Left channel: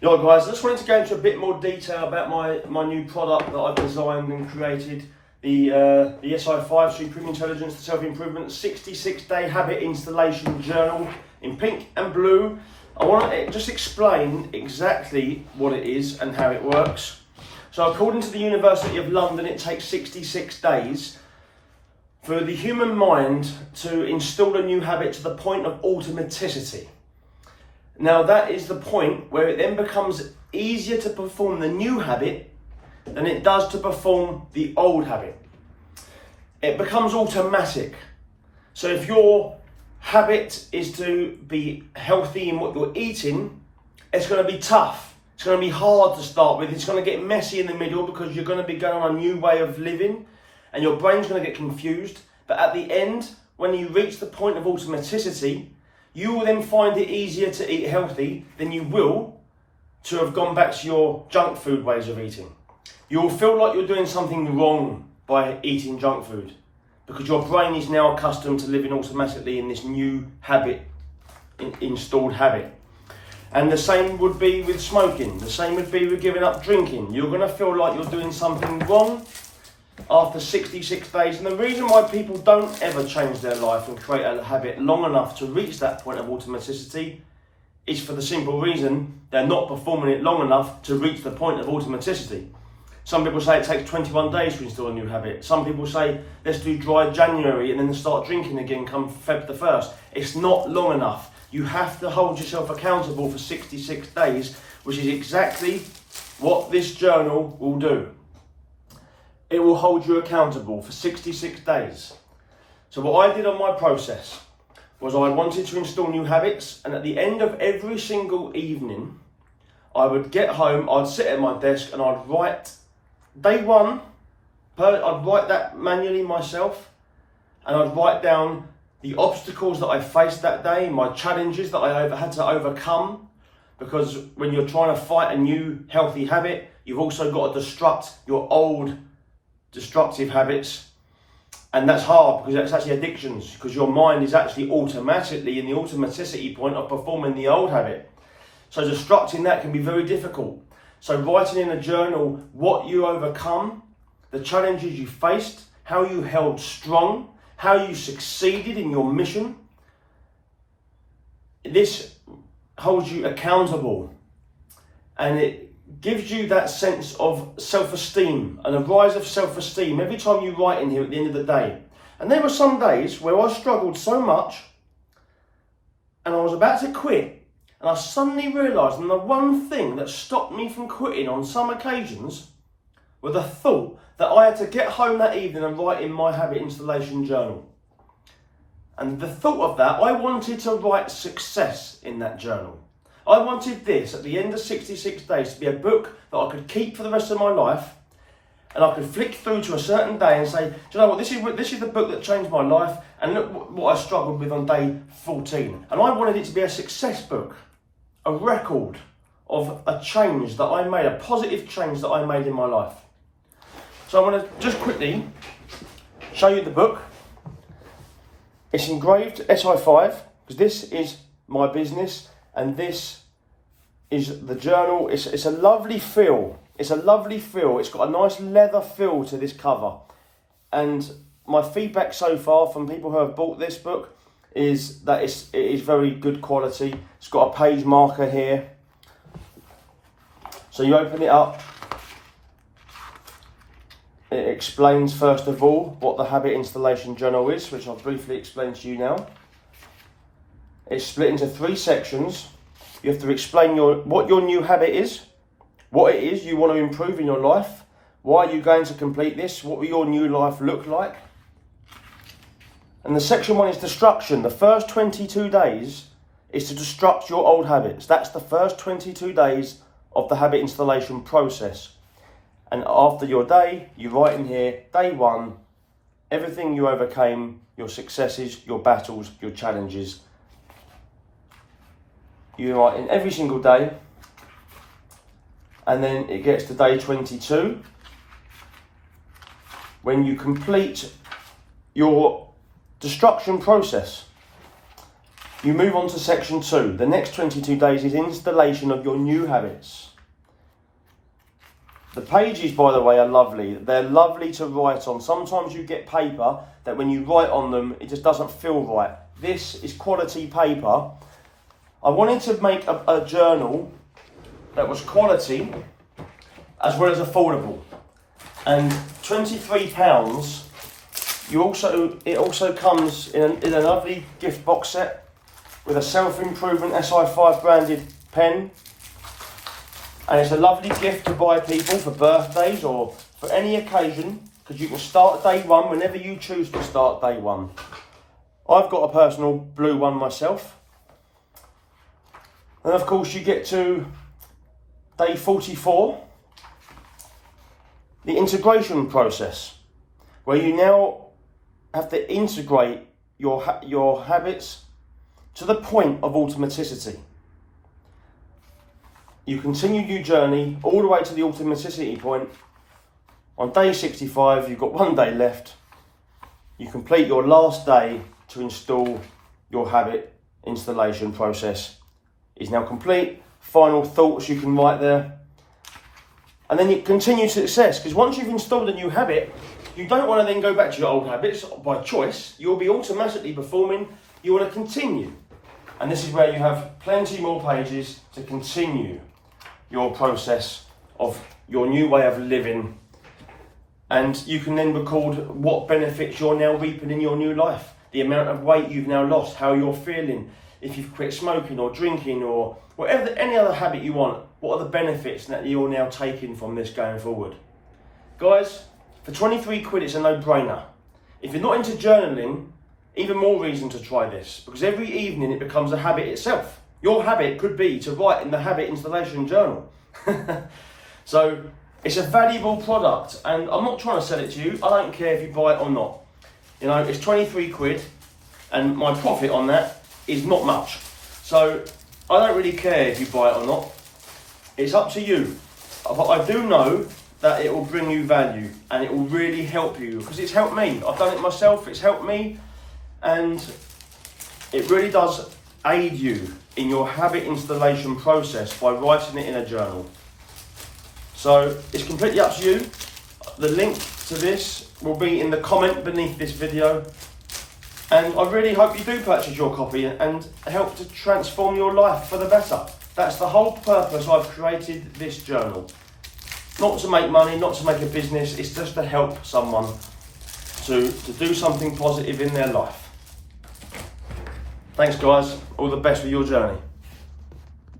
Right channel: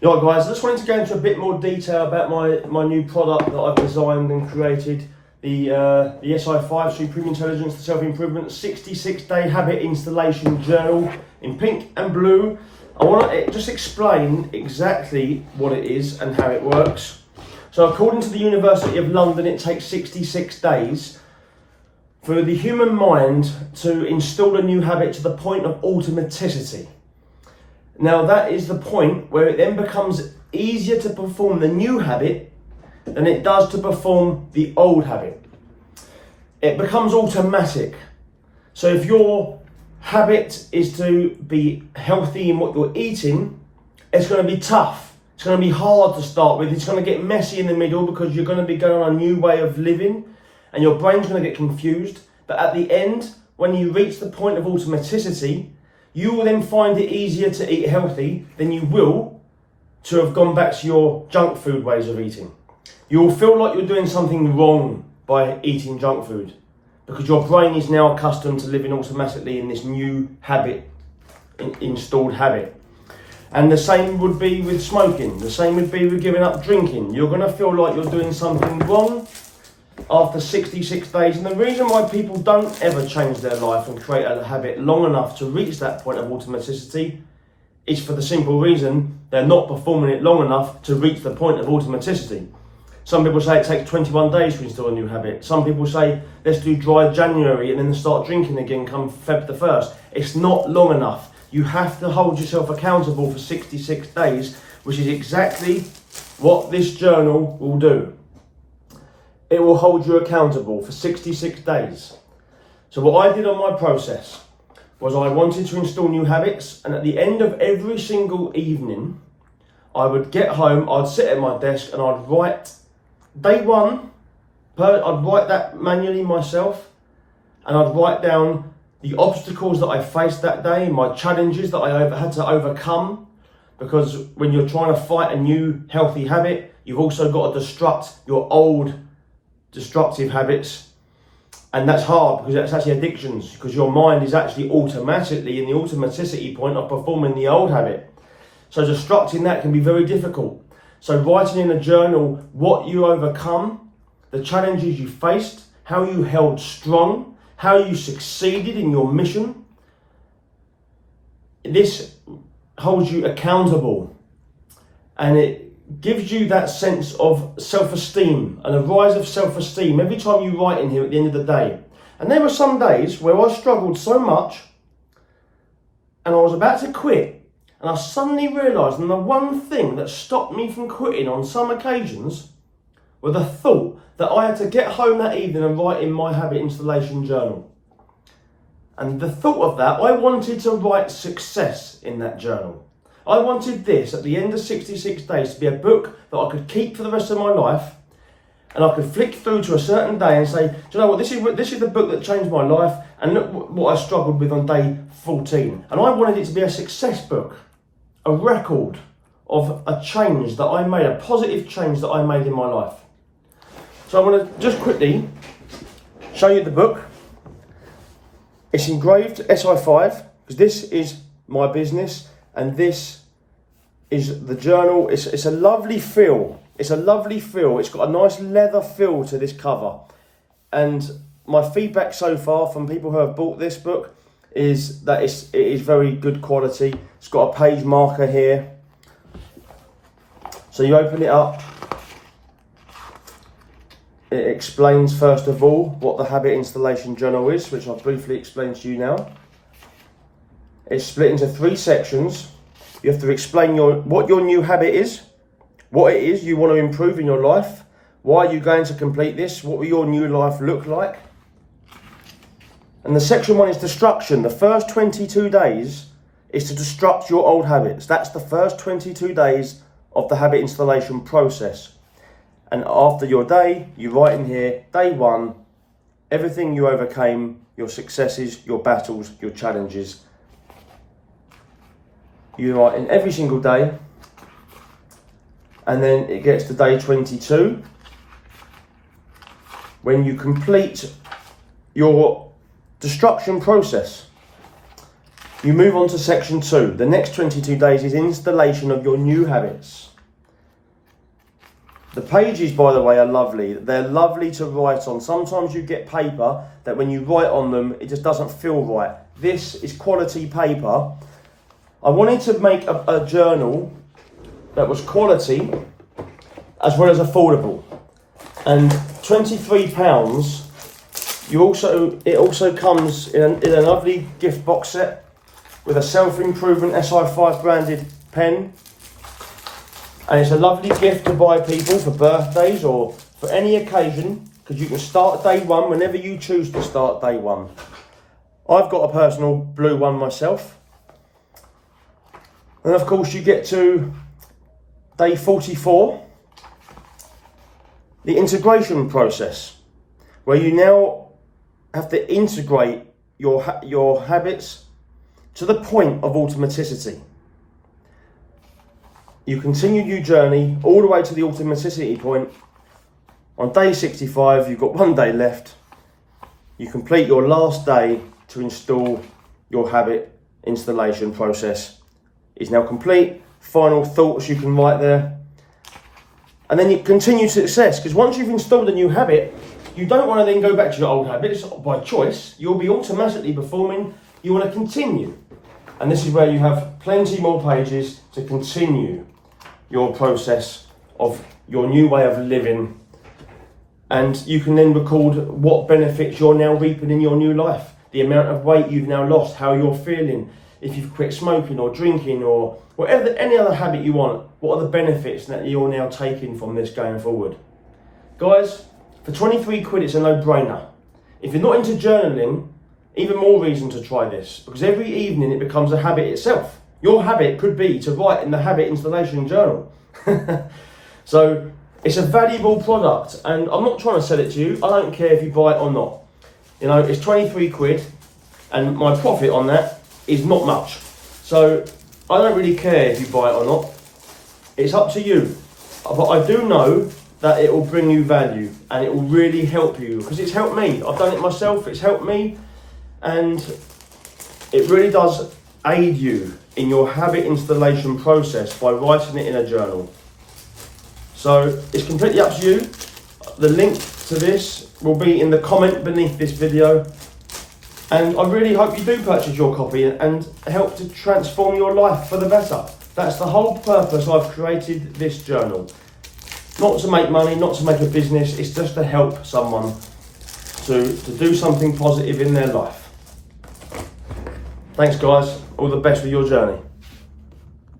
Right guys, I just wanted to go into a bit more detail about my new product that I've designed and created, the SI5 Supreme Intelligence to Self-Improvement 66-Day Habit Installation Journal in pink and blue. I want to just explain exactly what it is and how it works. So according to the University of London, it takes 66 days for the human mind to install a new habit to the point of automaticity. Now that is the point where it then becomes easier to perform the new habit than it does to perform the old habit. It becomes automatic. So if your habit is to be healthy in what you're eating, it's going to be tough. It's going to be hard to start with. It's going to get messy in the middle because you're going to be going on a new way of living and your brain's going to get confused. But at the end, when you reach the point of automaticity, you will then find it easier to eat healthy than you will to have gone back to your junk food ways of eating. You will feel like you're doing something wrong by eating junk food because your brain is now accustomed to living automatically in this new habit, installed habit. And the same would be with smoking. The same would be with giving up drinking. You're going to feel like you're doing something wrong after 66 days. And the reason why people don't ever change their life and create a habit long enough to reach that point of automaticity is for the simple reason they're not performing it long enough to reach the point of automaticity. Some people say it takes 21 days to install a new habit. Some people say let's do dry January and then start drinking again come Feb the 1st. It's not long enough. You have to hold yourself accountable for 66 days, which is exactly what this journal will do. It will hold you accountable for 66 days. So what I did on my process was I wanted to install new habits, and at the end of every single evening, I would get home, I'd sit at my desk and I'd write day one, I'd write that manually myself, and I'd write down the obstacles that I faced that day, my challenges that I had to overcome, because when you're trying to fight a new healthy habit, you've also got to destruct your old destructive habits, and that's hard because that's actually addictions, because your mind is actually automatically in the automaticity point of performing the old habit. So destructing that can be very difficult. So writing in a journal what you overcome, the challenges you faced, how you held strong, how you succeeded in your mission, this holds you accountable, and it gives you that sense of self-esteem and a rise of self-esteem every time you write in here at the end of the day. And there were some days where I struggled so much and I was about to quit, and I suddenly realised, and the one thing that stopped me from quitting on some occasions were the thought that I had to get home that evening and write in my habit installation journal. And the thought of that, I wanted to write success in that journal. I wanted this at the end of 66 days to be a book that I could keep for the rest of my life, and I could flick through to a certain day and say, do you know what, this is the book that changed my life, and look what I struggled with on day 14. And I wanted it to be a success book, a record of a change that I made, a positive change that I made in my life. So I'm going to just quickly show you the book. It's engraved SI5, because this is my business, and this is the journal. It's a lovely feel. It's a lovely feel. It's got a nice leather feel to this cover. And my feedback so far from people who have bought this book is that it is very good quality. It's got a page marker here. So you open it up. It explains first of all what the habit installation journal is, which I'll briefly explain to you now. It's split into 3 sections. You have to explain what your new habit is, what it is you want to improve in your life, why are you going to complete this, what will your new life look like. And the section 1 is destruction. The first 22 days is to destruct your old habits. That's the first 22 days of the habit installation process. And after your day, you write in here, day 1, everything you overcame, your successes, your battles, your challenges. You write in every single day, and then it gets to day 22 when you complete your destruction process. you move on to section 2. The next 22 days is installation of your new habits. The pages, by the way, are lovely. They're lovely to write on. Sometimes you get paper that when you write on them, it just doesn't feel right. This is quality paper. I wanted to make a journal that was quality as well as affordable. And £23, it also comes in a lovely gift box set with a Self-Improvement SI5 branded pen. And it's a lovely gift to buy people for birthdays or for any occasion, because you can start day one whenever you choose to start day one. I've got a personal blue one myself. And of course you get to day 44, the integration process, where you now have to integrate your habits to the point of automaticity. You continue your journey all the way to the automaticity point. On day 65, you've got 1 day left. You complete your last day to install your habit installation process. Is now complete. Final thoughts you can write there. And then you continue success, because once you've installed a new habit, you don't want to then go back to your old habits by choice. You'll be automatically performing. You want to continue. And this is where you have plenty more pages to continue your process of your new way of living. And you can then record what benefits you're now reaping in your new life, the amount of weight you've now lost, how you're feeling, if you've quit smoking or drinking or whatever, any other habit you want, what are the benefits that you're now taking from this going forward. Guys, for 23 quid, it's a no-brainer. If you're not into journaling, even more reason to try this, because every evening it becomes a habit itself. Your habit could be to write in the habit installation journal. So it's a valuable product, and I'm not trying to sell it to you. I don't care if you buy it or not. You know, it's 23 quid, and my profit on that is not much. So I don't really care if you buy it or not. It's up to you. But I do know that it will bring you value, and it will really help you, because it's helped me. I've done it myself, it's helped me, and it really does aid you in your habit installation process by writing it in a journal. So it's completely up to you. The link to this will be in the comment beneath this video, and I really hope you do purchase your copy and help to transform your life for the better. That's the whole purpose I've created this journal. Not to make money, not to make a business, it's just to help someone to do something positive in their life. Thanks guys, all the best with your journey.